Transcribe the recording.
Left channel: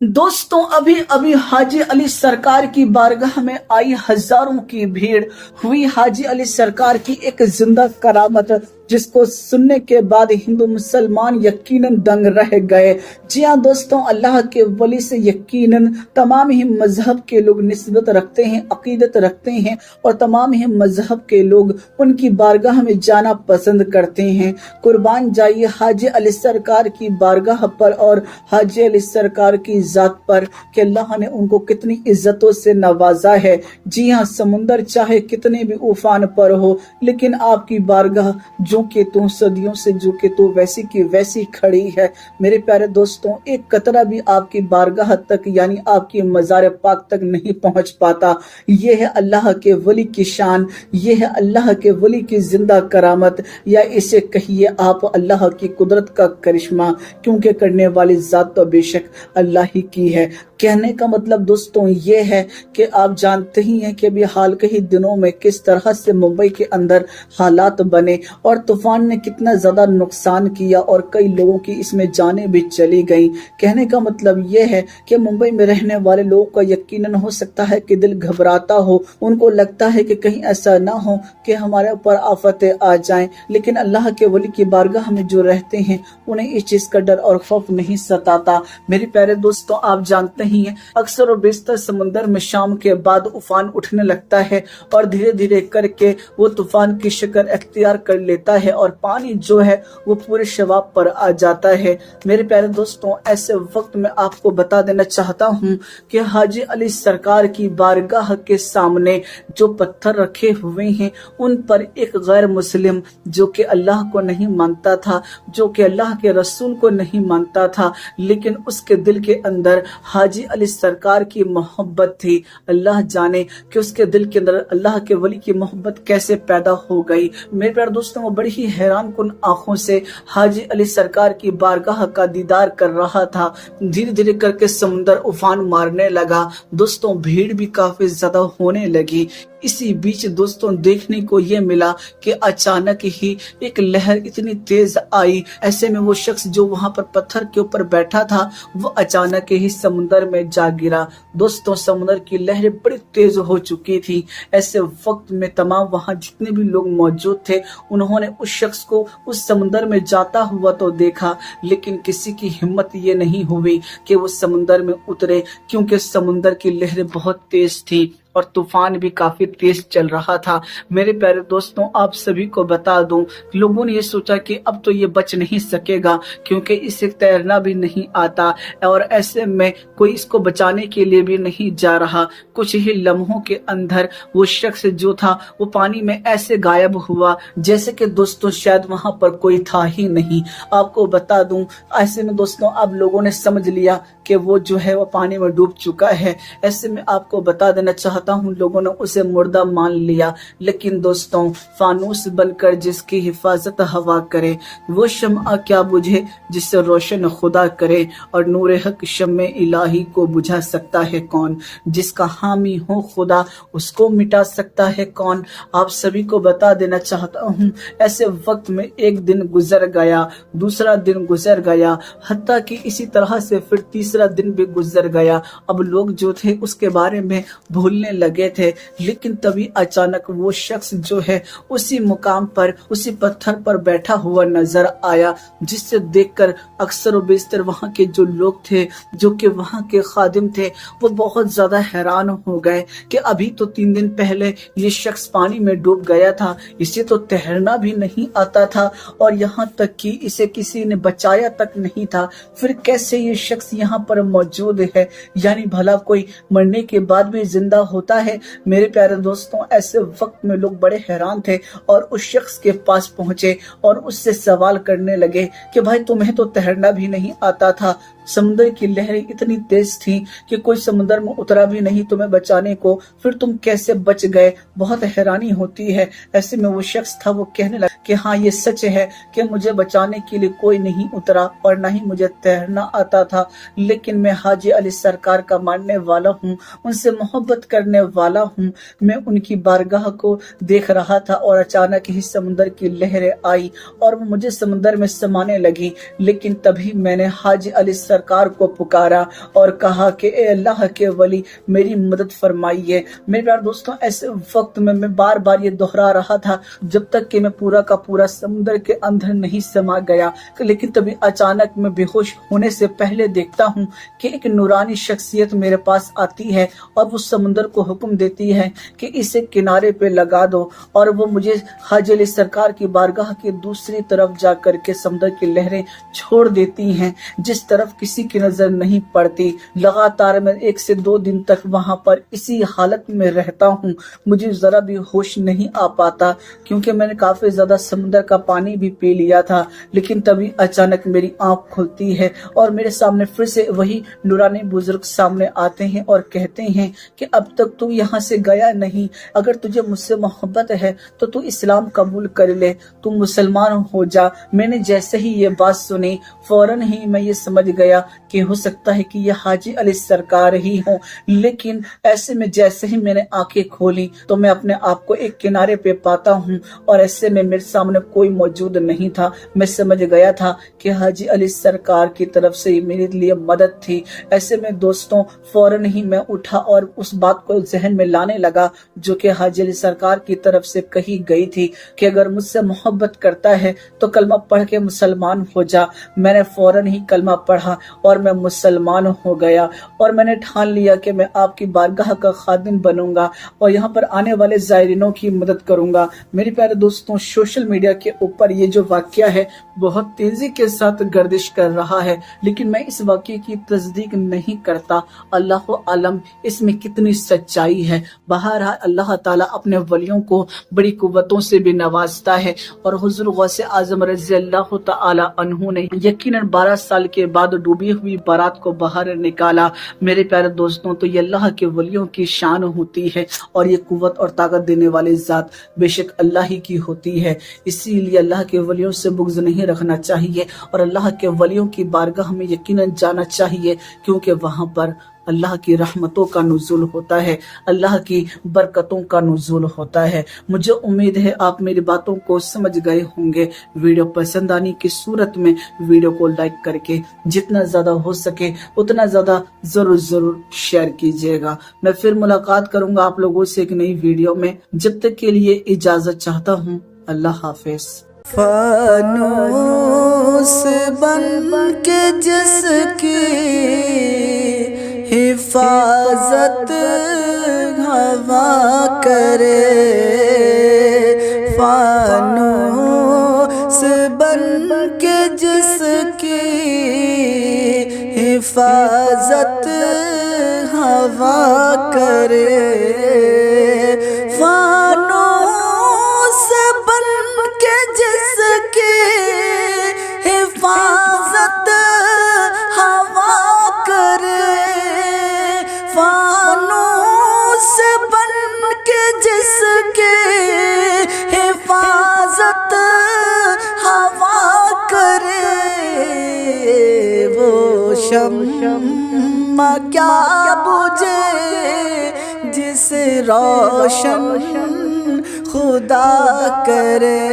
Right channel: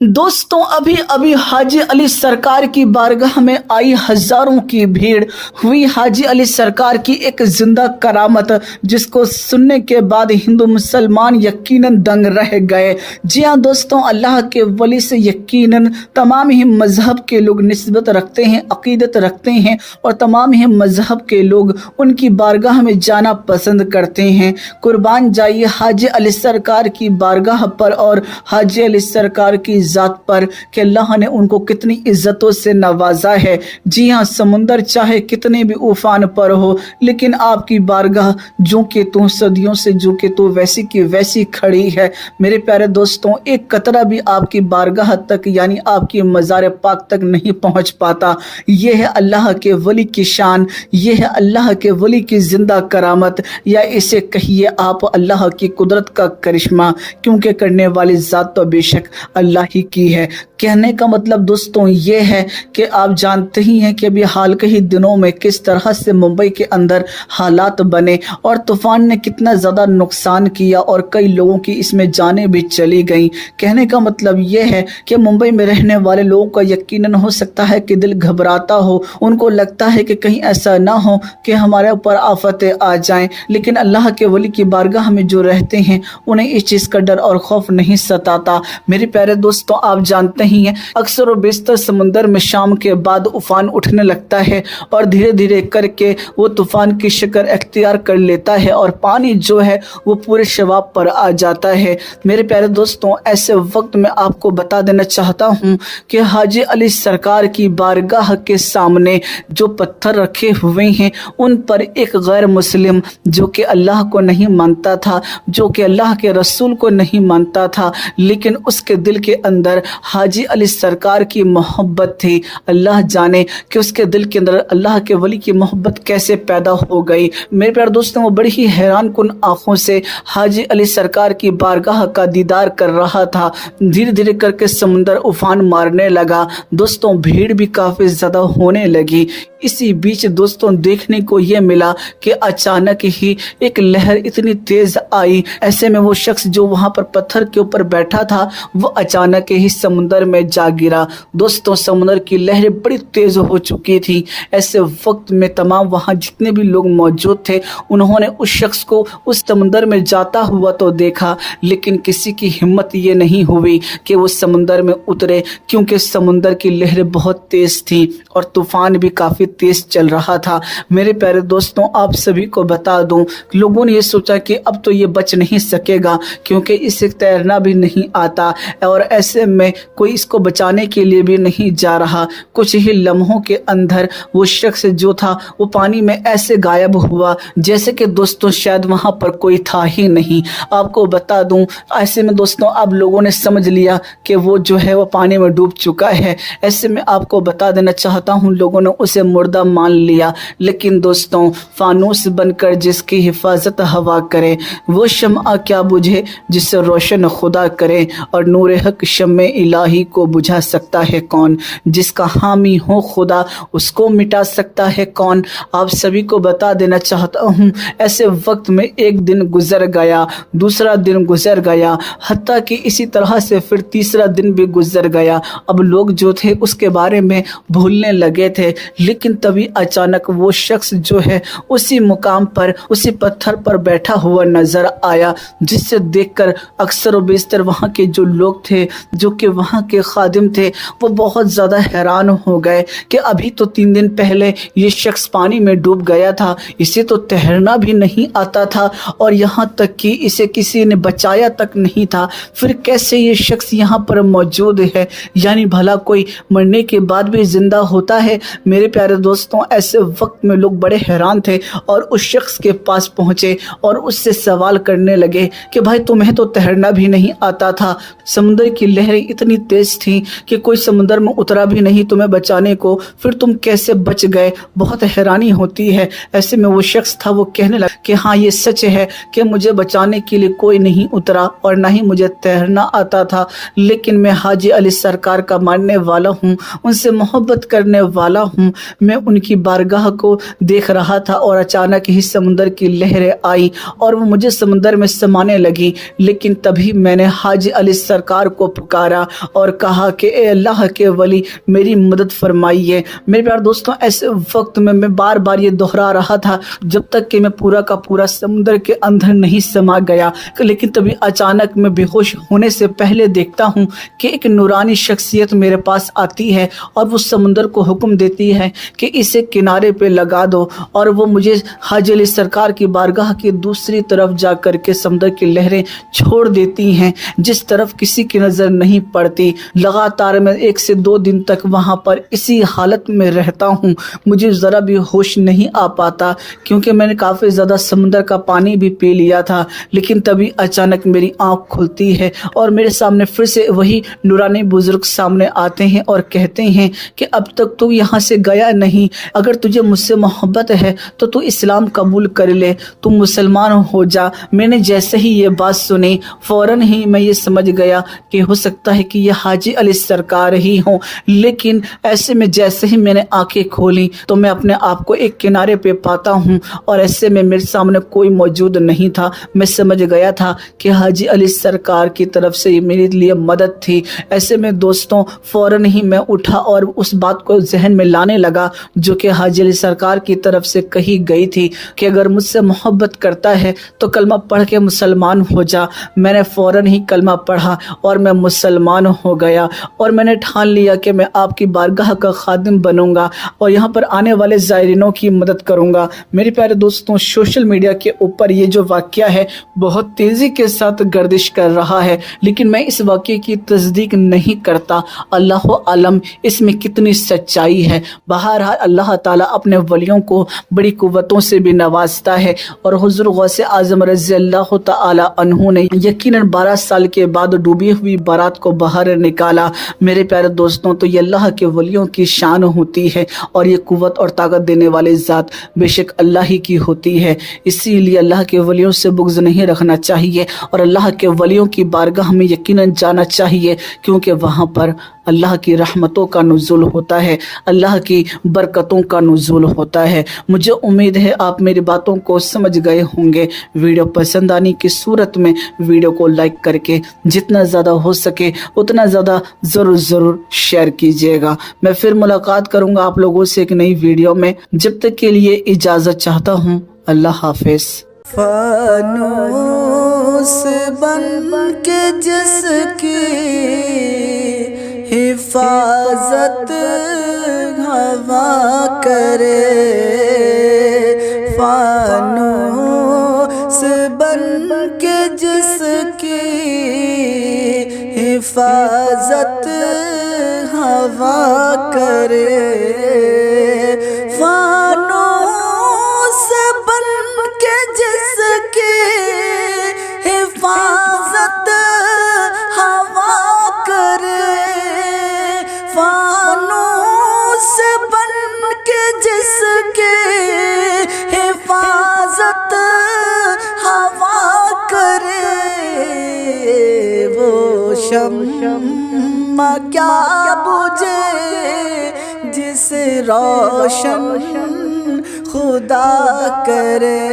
दोस्तों, अभी अभी हाजी अली सरकार की बारगाह में आई हजारों की भीड़। हुई हाजी अली सरकार की एक जिंदा करामत, जिसको सुनने के बाद हिंदू मुसलमान यकीनन दंग रह गए। जी हाँ दोस्तों, अल्लाह के वली से यकीनन तमाम ही मजहब के लोग निस्बत रखते हैं, अकीदत रखते हैं और तमाम ही मजहब के लोग उनकी बारगाह में जाना पसंद करते हैं। कुर्बान जाइए हाजी अली सरकार की बारगाह पर और हाजी अली सरकार की जात पर कि अल्लाह ने उनको कितनी इज्जतों से नवाजा है। जी हाँ, समुंदर चाहे कितने भी उफान पर हो, लेकिन आपकी बारगाह जो कि तू सदियों से जो कि तू वैसी की वैसी खड़ी है। मेरे प्यारे दोस्तों, एक कतरा भी आपकी बारगाह तक यानी आपकी मज़ार पाक तक नहीं पहुंच पाता। यह है अल्लाह के वली की शान, यह है अल्लाह के वली की जिंदा करामत, या इसे कहिए आप अल्लाह की कुदरत का करिश्मा, क्योंकि करने वाली जात तो बेशक अल्लाह ही की है। कहने का मतलब दोस्तों ये है कि आप जानते ही हैं कि अभी हाल के ही दिनों में किस तरह से मुंबई के अंदर हालात बने और तूफान ने कितना ज़्यादा नुकसान किया और कई लोगों की इसमें जानें भी चली गई। कहने का मतलब ये है कि मुंबई में रहने वाले लोगों का यकीनन हो सकता है कि दिल घबराता हो, उनको लगता है कि कहीं ऐसा ना हो कि हमारे ऊपर आफतें आ जाएं, लेकिन अल्लाह के वली की बारगाह में जो रहते हैं उन्हें इस चीज़ का डर और खौफ नहीं सताता। मेरे प्यारे दोस्तों, आप जानते ही हैं अक्सर और बेशतर समुंदर में शाम के बाद उफान उठने लगता है और धीरे धीरे करके वो तूफान की शक्ल अख्तियार कर लेता है और पानी जो है वो पूरे शवाब पर आ जाता है। मेरे प्यारे दोस्तों, ऐसे वक्त में आपको बता देना चाहता हूँ कि हाजी अली सरकार की बारगाह के सामने जो पत्थर रखे हुए हैं उन पर एक गैर मुस्लिम जो कि अल्लाह को नहीं मानता था, जो कि अल्लाह के रसूल को नहीं मानता था, लेकिन उसके दिल के अंदर हाजी अली सरकार की मोहब्बत थी। अल्लाह जाने कि उसके दिल के अंदर अल्लाह के वली की मोहब्बत कैसे पैदा हो गई। मेरे प्यारे दोस्तों, वो बड़ी ही हैरान कुन आंखों से हाजी अली सरकार की बारगाह का दीदार कर रहा था। धीरे धीरे करके समुंदर उफान मारने लगा। दोस्तों, भीड़ भी काफी ज्यादा होने लगी। इसी बीच दोस्तों देखने को यह मिला कि अचानक ही एक लहर इतनी तेज आई, ऐसे में वो शख्स जो वहां पर पत्थर के ऊपर बैठा था वो अचानक ही समुंदर में जा गिरा। दोस्तों, समुंदर की लहरें बड़ी तेज हो चुकी थी। ऐसे वक्त में तमाम वहां जितने भी लोग मौजूद थे उन्होंने उस शख्स को उस समुंदर में जाता हुआ तो देखा, लेकिन किसी की हिम्मत ये नहीं हुई कि वो समुंदर में उतरे, क्योंकि समुंदर की लहरें बहुत तेज थी और तूफान भी काफी तेज चल रहा था। मेरे प्यारे दोस्तों, आप सभी को बता दूं, लोगों ने ये सोचा कि अब तो ये बच नहीं सकेगा क्योंकि इसे तैरना भी नहीं आता और ऐसे में कोई इसको बचाने के लिए भी नहीं जा रहा। कुछ ही लम्हों के अंदर वो शख्स जो था वो पानी में ऐसे गायब हुआ जैसे कि दोस्तों शायद वहां पर कोई था ही नहीं। आपको बता दूं, ऐसे में दोस्तों अब लोगों ने समझ लिया कि वो जो है वो पानी में डूब चुका है। ऐसे में आपको बता देना चाहता हूं, लोगों ने उसे मुर्दा मान लिया। लेकिन दोस्तों, फानूस बनकर जिसकी हिफाजत हवा करे, वो शम्आ क्या बुझे जिससे रोशन खुदा करे, और नूर हक शम्मे इलाही को बुझा सकता है कौन, जिसका हामी हो खुदा उसको मिटा सकता है कौन। आप सभी को बता देना चाहता हूँ, ऐसे वक्त में एक दिन गुजर गया, दूसरा दिन गुजर गया, हत्ता कि इसी तरह से फिर तीसरा दिन भी गुजर गया। अब लोग जो थे उसके बारे में भूलने लगे थे, लेकिन तभी अचानक वो शख्स जो है उसी मुकाम पर उसी पत्थर पर बैठा हुआ नजर आया, जिससे देखकर अक्सर व बेशतर वहाँ के जो लोग थे, जो कि वहाँ के खादिम थे, वो बहुत ज़्यादा हैरान हो गए कि अभी तो 3 दिन पहले ये शख्स पानी में डूब गया था, इसे तो तैरना भी नहीं आता था और यहाँ तक कि इसे किसी ने बचाया तक नहीं था, फिर कैसे ये शख्स यहाँ पर मौजूद है, यानी भला कोई मरने के बाद भी जिंदा होता है। मेरे प्यारे दोस्तों, ऐसे वक्त में लोग बड़े हैरान थे और उस शख्स के पास पहुँचे और उससे सवाल करने लगे कि भाई तुम्हें तो तैरना भी नहीं आता था, समुद्र की लहरें इतनी तेज थी कि कोई समुद्र में उतरा भी नहीं तुम्हें बचाने को, फिर तुम कैसे बच गए, बहुत हैरानी होती है। ऐसे में वो शख्स था वो कहने लगा कि हाँ ये सच है कि मुझे बचाने के लिए कोई नहीं उतरा और ना ही मुझे तैरना आता था, लेकिन मैं हाजी अली सरकार का मानने वाला हूँ, उनसे मोहब्बत करने वाला हूँ। मैं उनकी बारगाह को देख रहा था और अचानक ही समुद्र की लहरें आई और वो मुझे समुद्र में समाने लगी, लेकिन तभी मैंने हाजी अली सरकार को پکارا اور کہا کہ اے اللہ کے ولی میری مدد فرمائیے۔ میرے پیارے دوستوں، ایسے وقت میں بار بار یہ دہرا رہا تھا جب تک کہ میں پورا کا پورا سمندر کے اندر نہیں سما گیا، لیکن تبھی اچانک میں بے ہوش ہونے سے پہلے دیکھتا ہوں کہ ایک نورانی شخصیت میرے پاس آتی ہے اور وہ سمندر کو حکم دیتی ہے کہ اسے کنارے پہ لگا دو، اور وہ مجھے حاجی علی سرکار کی بارگاہ کی دوسری طرف جا کر کے سمندر کی لہریں چھوڑ دیتی ہیں، جس طرف کسی کی نظر نہیں پڑتی۔ لگاتار میں 1 سے 2 دن تک وہاں پر اسی حالت میں رہتا ہوں، مجھے ذرا بھی ہوش نہیں آ پاتا کیونکہ میں نے کافی زیادہ سمندر کا پانی بھی پی لیا تھا۔ لیکن تبھی اچانک میری آنکھ کھلتی ہے اور میرے سامنے پھر سے وہی نورانی بزرگ سامنے آتے ہیں اور کہتے ہیں کہ اب تک تو یہاں سے گیا نہیں، اگر تجھے مجھ سے محبت ہے تو اسلام قبول کر لے، تو مسلمان ہو جا۔ میں نے جیسے ہی یہ بات سنی فوراً ہی میں یہ سمجھ گیا کہ ہو سکتا ہے کہ یہ حاجی علی سرکار ہی ہوں، لیکن ایسے میں جیسے ہی میں نے آنکھیں کھولی تو میں اپنے آپ کو ایک کنارے پہ پاتا ہوں اور ایسے میں میرے سامنے کوئی موجود نہیں تھا۔ میں سمجھ گیا تھا کہ حاجی علی سرکار کی طرف سے میرے لیے مدد تھی۔ ایسے میں دوستوں فوراً ہی میں اٹھا اور اس بات کو ذہن میں لانے لگا جو کہ حاجی علی سرکار کی طرف سے کہی گئی تھی کہ اگر مجھ سے محبت کرتا ہے تو کلمہ پڑھ کے مسلمان ہو جا۔ میں نے فوراً ہی کلمہ پڑھا اور میں مسلمان ہو گیا، اور میں نے ٹھان لیا کہ میں آپ کی بارگاہ کا خادم بنوں گا اور یہاں پر آنے والے زائرینوں کی مدد کروں گا۔ میرے پیارے دوستوں، سوشل میڈیا کے اوپر یہ جو واقعہ ہے بہت تیزی کے ساتھ گردش کر رہا ہے، لیکن میں اس واقعے کی تصدیق نہیں کرتا۔ اللہ عالم اس میں کتنی سچائی ہے۔ بہرحال اللہ تعالیٰ اپنے ولیوں کو بڑی قوتوں سے بھی نوازتا ہے، اور حضور غوث اعظم رضی اللہ تعالی عنہ نے یقیناً 12 سال کے بعد ڈوبی ہوئی بارات کو باہر نکالا۔ میرے پیارے دوستوں، تو یہ اللہ کے ولیوں کی شان ہوتی ہے، اور یہ قوت اور طاقت دینے والے ذات بے شک اللہ ہی کی ہوتی ہے۔ اسی لیے اللہ کے ولیوں سے بغض نہیں رکھنا چاہیے، اور اللہ کے ولیوں کی بارگاہ میں یقیناً جانا چاہیے، کیونکہ وہاں پر اللہ کی رحمتوں کا نزول ہوتا ہے، اللہ کی برکتوں کا نزول ہوتا ہے۔ مجھے امید ہے آپ میری باتوں کو سمجھ گئے ہوں گے۔ ویڈیو پسند آنے کی صورت میں ویڈیو کو لائک کر کے جتنا زیادہ ہو سکے اتنا زیادہ ضرور شیئر کیجیے گا۔ میں پھر ملاقات کروں گا آپ لوگوں سے ایک نئی ویڈیو میں، جب تک کے لیے اجازت چاہتا ہوں۔ اللہ حافظ۔ فانوس بن کے جس کی حفاظت ہوا کرے، فانوس بن کے جس کی حفاظت ہوا کرے، فانوس بن کے جس کی حفاظت ہوا کرے، فانوس بن کے جس کی حفاظت ہوا کرے، وہ شمع کیا بجھے جسے روشن خدا کرے۔